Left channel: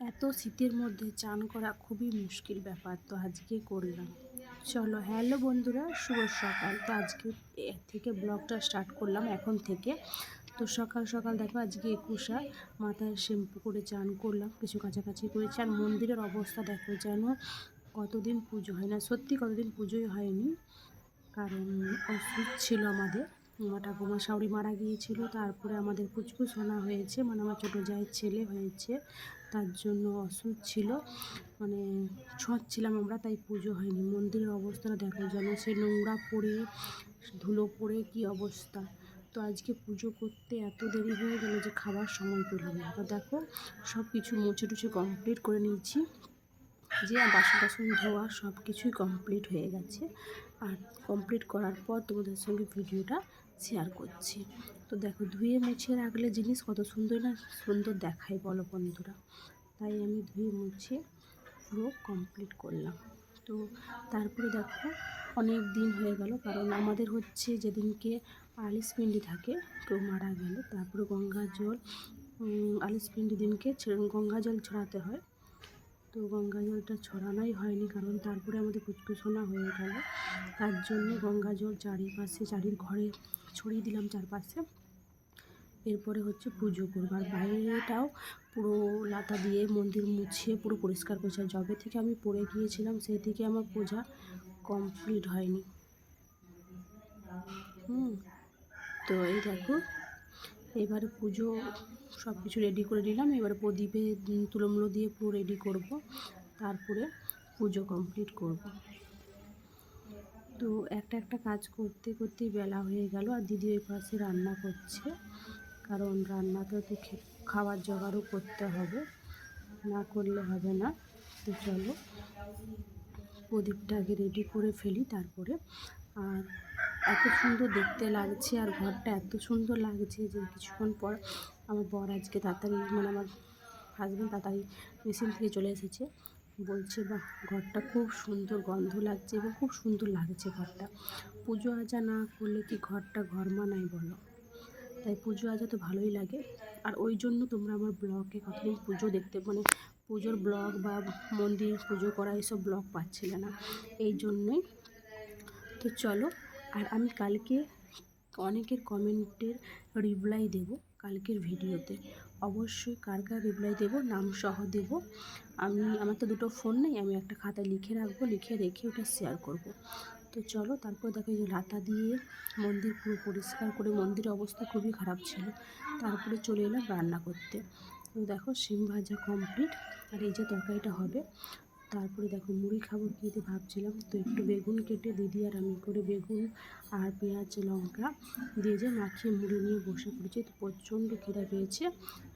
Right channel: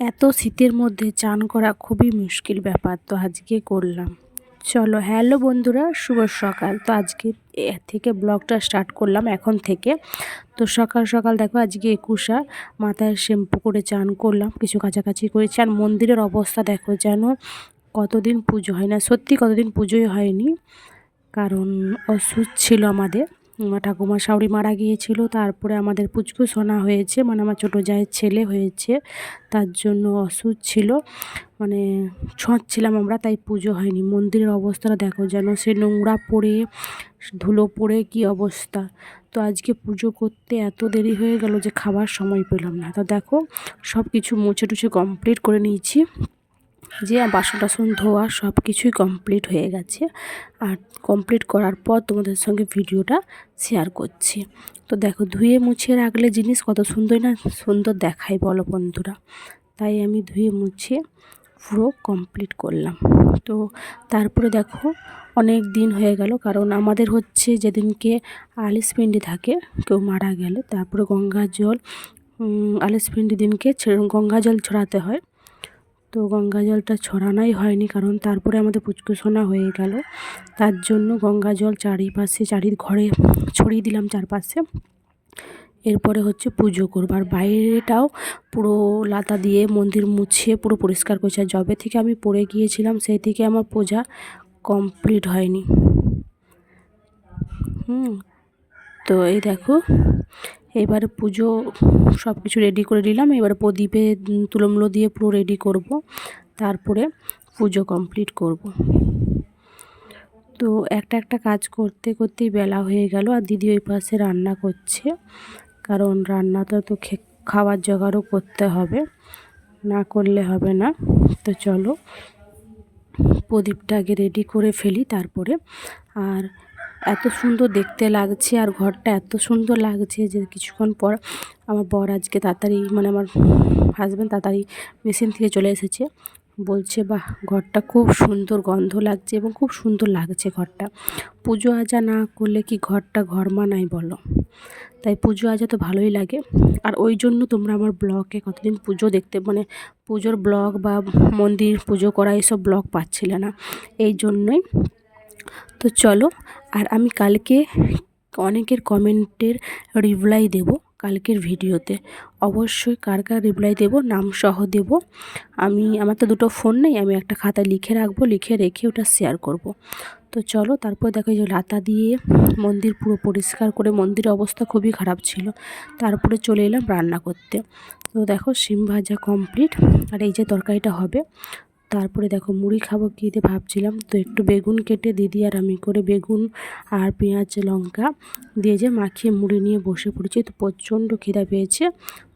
এত শীতের মধ্যে চান করা খুবই মুশকিল ব্যাপার, তো আজকে করলাম। চলো, হ্যালো বন্ধুরা, শুভ সকাল। তো আজকে থেকে ব্লগটা স্টার্ট করলাম এখন থেকে। তো সকাল সকাল দেখো আজকে একুশা, মাথায় শ্যাম্পু করে চান করলাম, কিছু কাছাকাছি করেছি। আর মন্দিরের অবস্থা দেখো, যেন কতদিন পুজো হয় না, সত্যি কতদিন পুজোই হয়নি। কারণ অসুখ ছিল আমাদের, আমার ঠাকুমা শাশুড়ি মারা গিয়েছিল, তারপরে আমাদের পুচকুসোনা হয়েছে, মানে আমার ছোটো জায়ের ছেলে হয়েছে, তার জন্য অসুখ ছিল, মানে ছিলাম আমরা, তাই পুজো হয়নি। মন্দিরের অবস্থাটা দেখো, যেন সে নোংরা পড়ে ধুলো পড়ে কি অবস্থা। তো আজকে পুজো করতে এত দেরি হয়ে গেল যে খাবার সময় পেলাম না। তো দেখো সব কিছু মুছে টুছে কমপ্লিট করে নিয়েছি, যে বাসন টাসন ধোয়া সব কিছুই কমপ্লিট হয়ে গেছে। আর কমপ্লিট করার পর তোমাদের সঙ্গে ভিডিওটা শেয়ার করছি। তো দেখো, ধুয়ে মুছে রাখলে জিনিস কত সুন্দর না সুন্দর দেখায় বলো বন্ধুরা। তাই আমি ধুয়ে মুছে পুরো কমপ্লিট করলাম। তো তারপরে দেখো অনেক দিন হয়ে গেল, কারণ আমাদের হচ্ছে যেদিনকে আলিশপিণ্ডি থাকে, কেউ মারা গেলে, তারপরে গঙ্গা জল আলিশপিণ্ডি দিনকে গঙ্গা জল ছড়াতে হয়। তো গঙ্গা জলটা ছড়ানোই হয়নি, কারণ তারপরে আমাদের পুচকুসোনা হয়ে গেল, তার জন্য গঙ্গা জল চারিপাশে ঘরে ছড়িয়ে দিলাম চারপাশে। এরপরে হচ্ছে পুজো করবো, আর বাইরেটাও পুরো লাতা দিয়ে মন্দির মুছে পুরো পরিষ্কার করছে। আর যবে থেকে আমি পড়ে গিয়েছিলাম সেই থেকে আমার পূজা কমপ্লিট হয়নি। তো এই দেখো, এবারে পুজো সব কিছু রেডি করে নিলাম। এবারে প্রদীপে তুলোমুলো দিয়ে পুরো রেডি করব, তারপরে পুজো কমপ্লিট করব। তো একটা একটা কাজ করতে করতেই বেলা হয়ে গেল। আর দিদি ওই পাশে রান্না করছে, কারণ রান্নাটা তো খাবার জোগাড়ও করতে হবে, না করলে হবে না। তো চলো প্রদীপটা আগে রেডি করে ফেলি তারপরে। আর এত সুন্দর দেখতে লাগছে, আর ঘরটা এত সুন্দর লাগছে যে কিছুক্ষণ পর আমার বর আজকে তাড়াতাড়ি, মানে আমার হাজব্যান্ড তাড়াতাড়ি মেশিন থেকে চলে এসেছে, বলছে বাহ ঘরটা খুব সুন্দর গন্ধ লাগছে এবং খুব সুন্দর লাগছে ঘরটা। পুজো আজা না করলে কি ঘরটা ঘর মানায় বলো? তাই পুজো আজা তো ভালোই লাগে। আর ওই জন্য তোমরা আমার ব্লগে কতদিন পুজো দেখতে, মানে পুজোর ব্লগ বা মন্দির পুজো করা এইসব ব্লগ পাচ্ছিলে না, এই জন্যই। তো চলো, আর আমি কালকে অনেকের কমেন্টের রিপ্লাই দেব কালকের ভিডিওতে। অবশ্যই কার কার রিপ্লাই দেব নাম সহ দেব। আমার তো দুটো ফোন নেই, আমি একটা খাতায় লিখে রাখবো, লিখে রেখে ওটা শেয়ার করব। তো চলো, তারপর দেখো যে লাতা দিয়ে মন্দির পুরো পরিষ্কার করে, মন্দিরের অবস্থা খুবই খারাপ ছিল, তারপরে চলে এলাম রান্না করতে। তো দেখো শিম ভাজা কমপ্লিট, আর এই যে তরকারিটা হবে। তারপরে দেখো মুড়ি খাবো কী দিয়ে ভাবছিলাম, তো একটু বেগুন কেটে দিদি আর আমি করে বেগুন আর পেঁয়াজ লঙ্কা দিয়ে যে মাখিয়ে মুড়ি নিয়ে বসে পড়েছি। তো প্রচণ্ড খিদা পেয়েছে,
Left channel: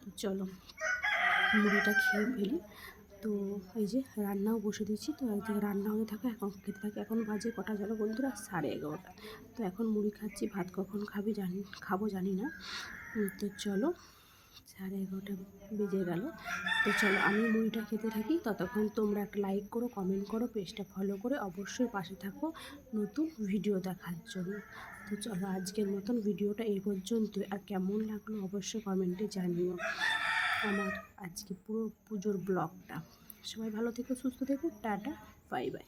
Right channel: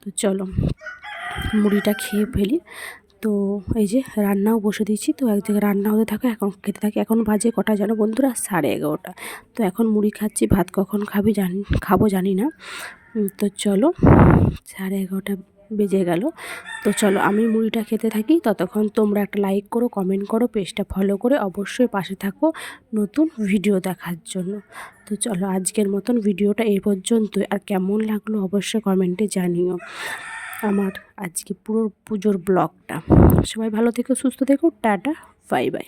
তো চলো মুড়িটা খেয়ে ফেলি। তো এই যে রান্নাও বসে দিয়েছি, তো এক জায়গায় রান্না হতে থাকে, এখন খেতে থাকি। এখন বাজে কটা জানো বন্ধুরা, 11:30। তো এখন মুড়ি খাচ্ছি, ভাত কখন খাবো জানি না। তো চলো 11:30 বেজে গেল। তো চলো আমি মুড়িটা খেতে থাকি, ততক্ষণ তোমরা একটা লাইক করো, কমেন্ট করো, পেজটা ফলো করে অবশ্যই পাশে থাকো নতুন ভিডিও দেখার জন্য। তো চলো আজকের মতন ভিডিওটা এই পর্যন্তই। আর কেমন লাগলো অবশ্যই কমেন্টে জানিও আমার আজকে পুরো পুজোর ব্লগটা। সবাই ভালো থেকো, সুস্থ থেকো, টাটা, বাই বাই।